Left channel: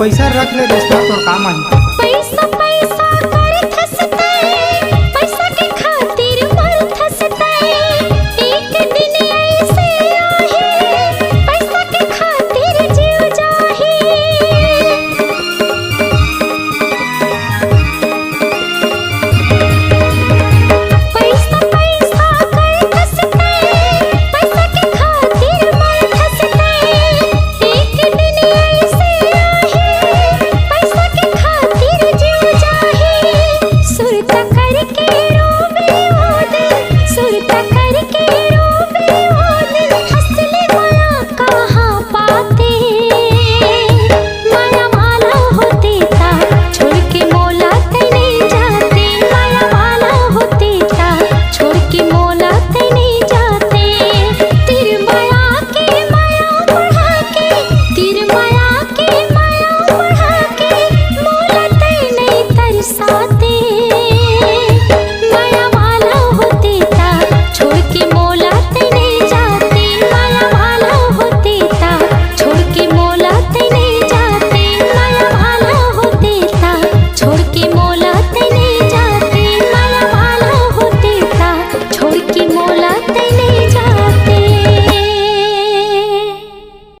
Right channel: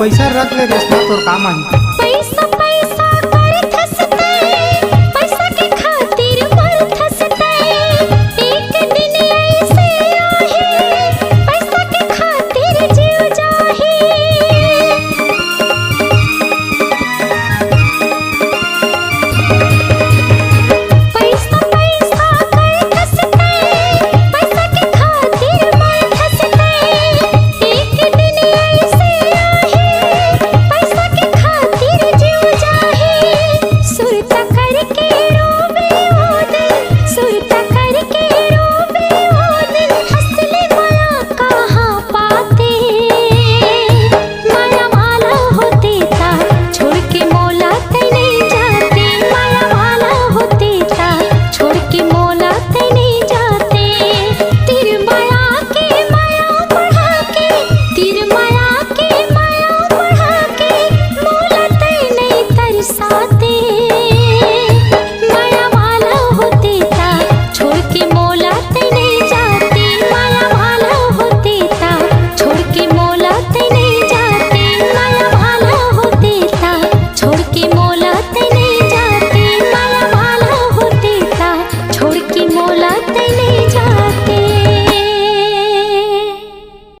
पैसा रख ले रेशमा, तोर काम आई। पैसा पैसा कर थसते, पैसा के खातिर मर थसते। एक दिन ऐसे आहे, पैसा के खातिर जीव जाही। पैसा पैसा कर थसते, पैसा के खातिर मर थसते। एक दिन ऐसे आहे, पैसा के खातिर जीव जाही। सुरता करके रोवे